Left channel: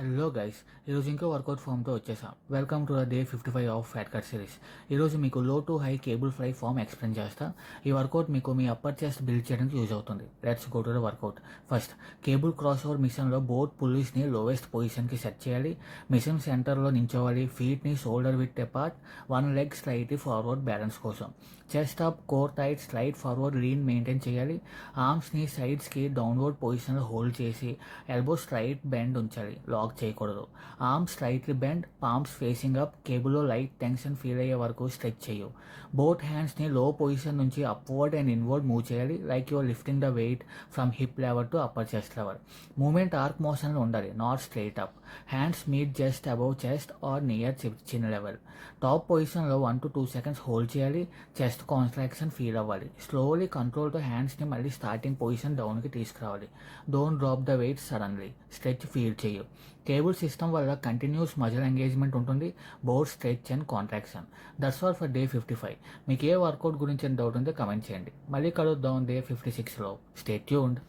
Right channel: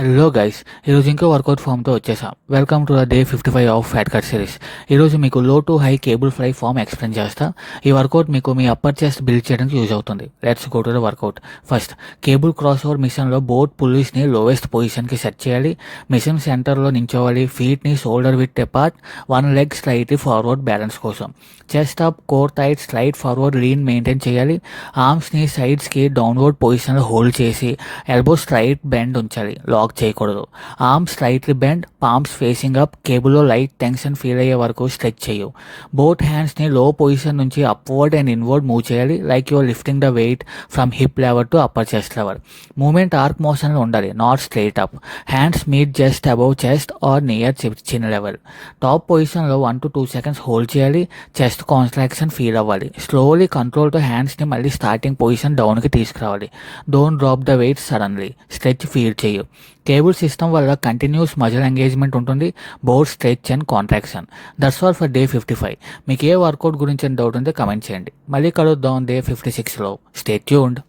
Hello guys, ఈరోజు ఇంకో workout ఫామ్తో వచ్చేసాం. Welcome to the day 55 of fat cut series. ఈరోజు మీకు low to high cable fly form explain చేస్తా. ఈ వర్కౌట్ మీకు మీ అప్పర్ చెస్ట్ బిల్డ్ చేయడానికి యూజ్ అవుతుంది. Let's go to the workout. First, cable cross over మిషన్లో బోత్ పుల్లీస్ని లోవెస్ట్ పొజిషన్కి సెట్ చేయాలి. మిషన్ సెంటర్లో నించోవాలి. ఫీట్ని shoulder width apart, one leg slightly forward balance కోసం. Chest up, core tight, slight forward lean maintain చేయాలి. ఆర్మ్స్ని సైడ్స్కి డౌన్వర్డ్ పొజిషన్లో హోల్డ్ చేసి ఎల్బో స్ట్రైట్ బెండ్ ఉంచాలి, లాక్ చేయకూడదు. Arms slightly bend, palms facing up. కేబుల్లో లైట్ టెన్షన్ ఫీల్ అయ్యే వరకు స్ట్రెచ్ చేయు. బోత్ హ్యాండ్స్ని లో పొజిషన్ నుంచి అప్వర్డ్ అండ్ ఇన్వర్డ్ మూవ్ చేయాలి, like your lifting the weight from hip level to upper chest level. Moment arc మోషన్లో ఉండాలి, not straight up. Hands meet just above chest or near chin level. Top పొజిషన్లో 1 to 2 seconds hold చేయాలి. Chest contraction feel అవ్వాలి. Slowly కంట్రోల్తో హ్యాండ్స్ని మళ్ళీ starting position డౌన్కి తీసుకురావాలి. Don't drop the weight suddenly. Stretch feel చేయు. కేబుల్ సిస్టమ్ వల్ల కంటిన్యూస్ మజిల్ ఎంగేజ్మెంట్ ఉంటుంది, both stretch and contraction. That's all for day 55. మీకు ఏ వర్కౌట్ గురించి డౌట్ ఉంటే కమెంట్ చేయండి. మళ్ళీ కలుద్దాం డే 56లో. Stay tuned.